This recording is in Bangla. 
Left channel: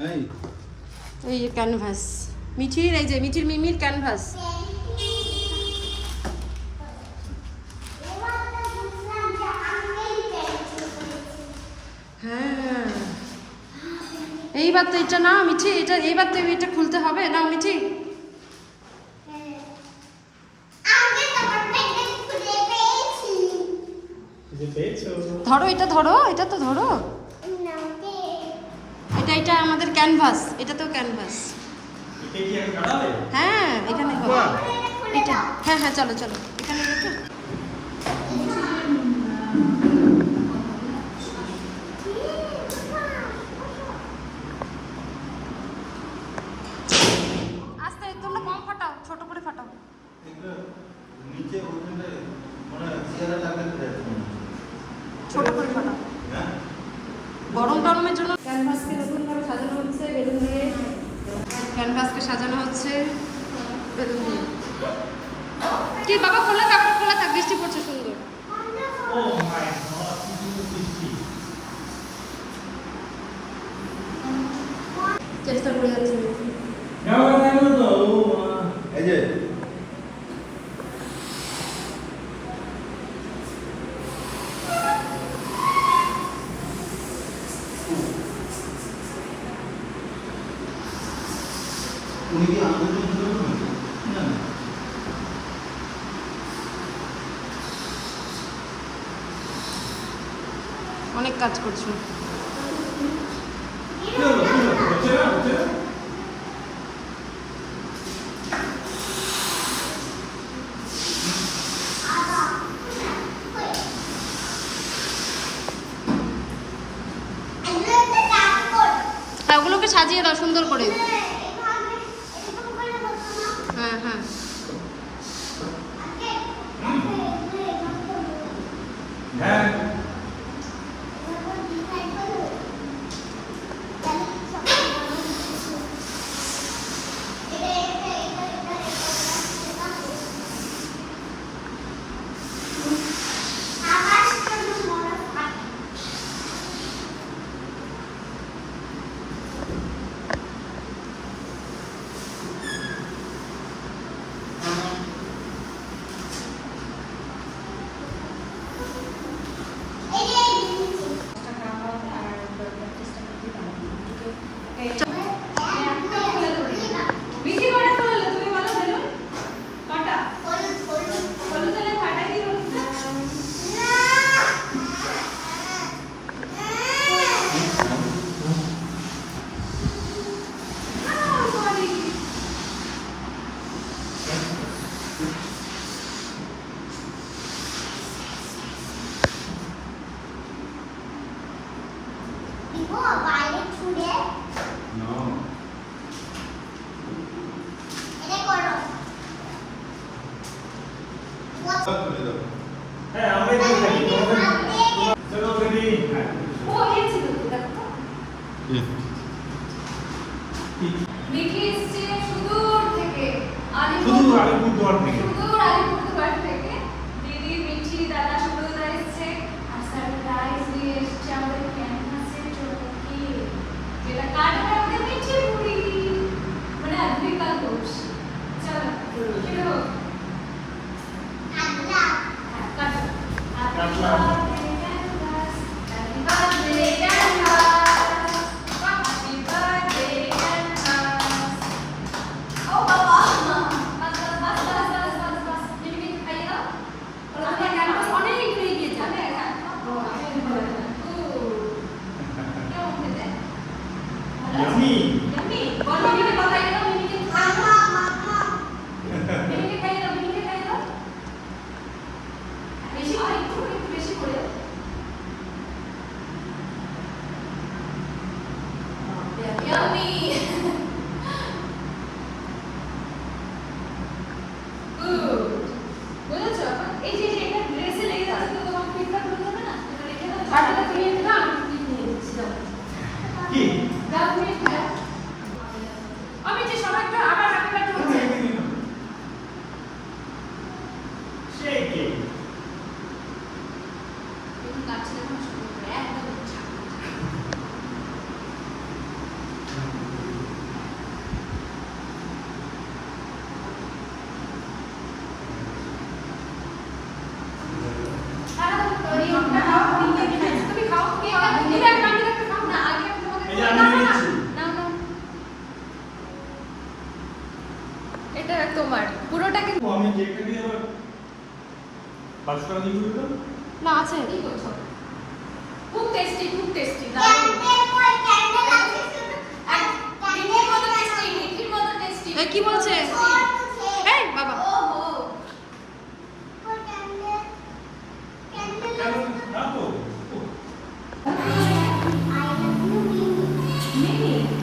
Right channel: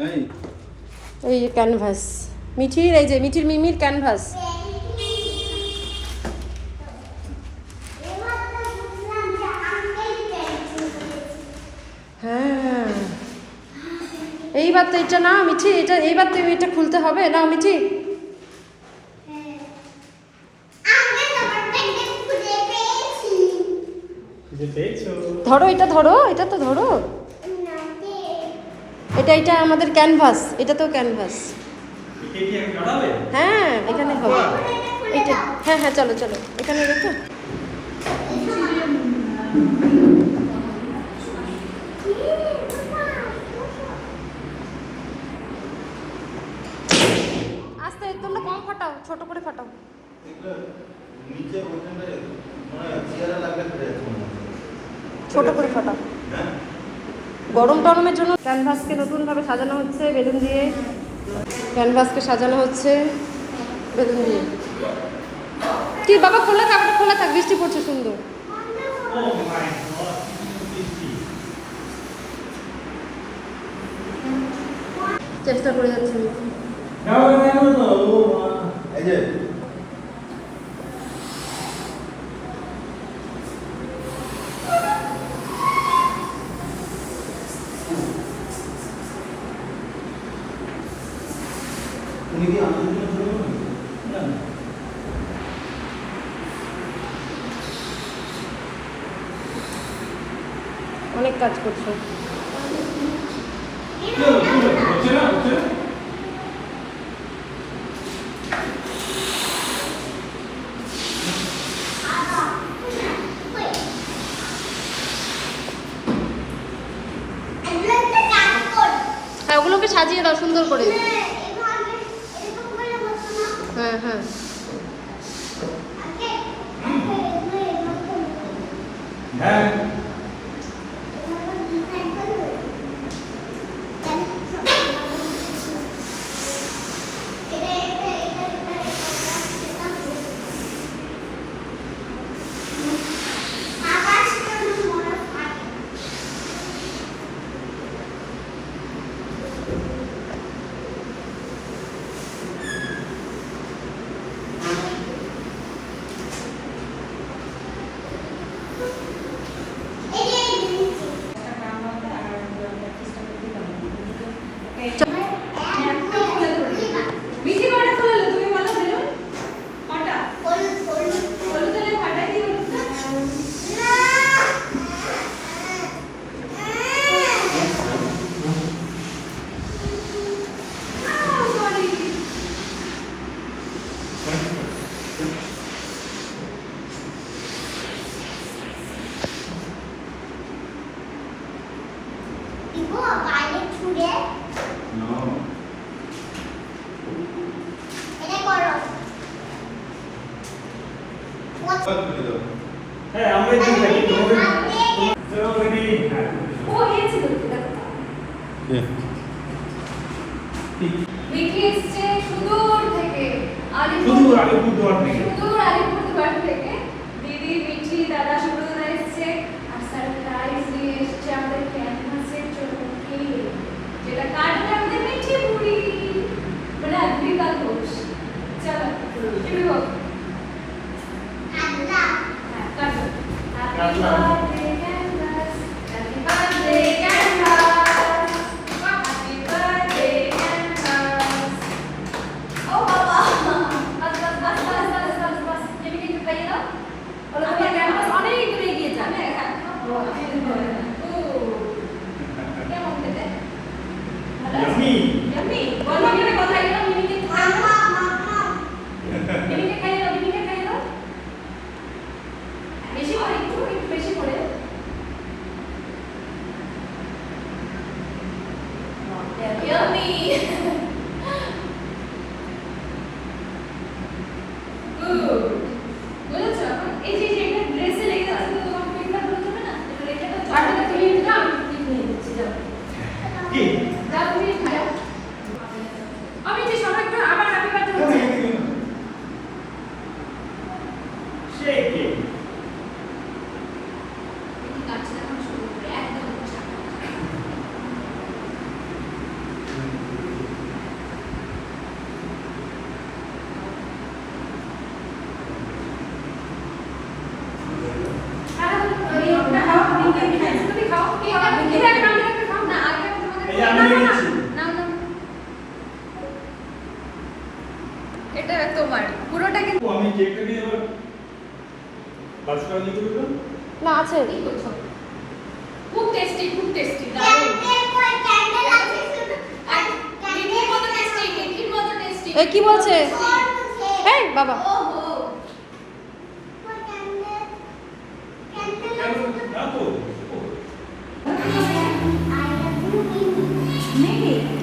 এই যে ক্যানভাস মিঠির, এই যে মিঠির মিমির ক্যানভাস। হ্যাঁ এইবার তো এটা না মিঠি, এটা এইবার তো এটা খুলতে হবে না মিঠি। ধরো এটা, ধরো এটা তো ধরো, এটা এটা আমাদের ক্যানভাস, এটা তো ক্যানভাস। হ্যাঁ এখানে হবে এটা। হ্যাঁ হ্যাঁ চলো চলো এখানে রেখে। আস্তে তোমরা কম ফাটাও, ছোট করে ফাটাও। ছোট করে ফাটাও, গরম গরমের জন্য। ক্যানভাসকে নতুনভাবে সাজানো হচ্ছে বেলুন দিয়ে, ক্যানভাসকে সাজানো হচ্ছে বেলুন দিয়ে। কি বাবা খোলা থাক, খোলা থাক, বৃষ্টি পড়ছে সুন্দর। চেষ্টা করে যাচ্ছে এই যে অনেক কাজ করছো। হ্যাঁ ওগুলোকে সাজিয়ে দাও সুন্দর করে। হ্যাঁ হ্যাঁ মিঠি এসছে সুদূর থেকে, আলিপুরদুয়ার থেকে। দিদি মিঠি দাদা সুব্রতদা এসছে আর সারপ্রাইজ নিয়ে এসছে আমাদের ক্যানভাসের জন্য কি, যেটা কাটবে আমাদের মিঠি পুরি, মানে আদ্রিকাল ঘোষ। চলো শুরু হোক। কাটো বেশি করে, একটু বেশি করে। না আছে কি বলছো? খুব টেস্টি দারুণ। মিঠির মতো টেস্টি। এ কি বলছে এই বাবা নেই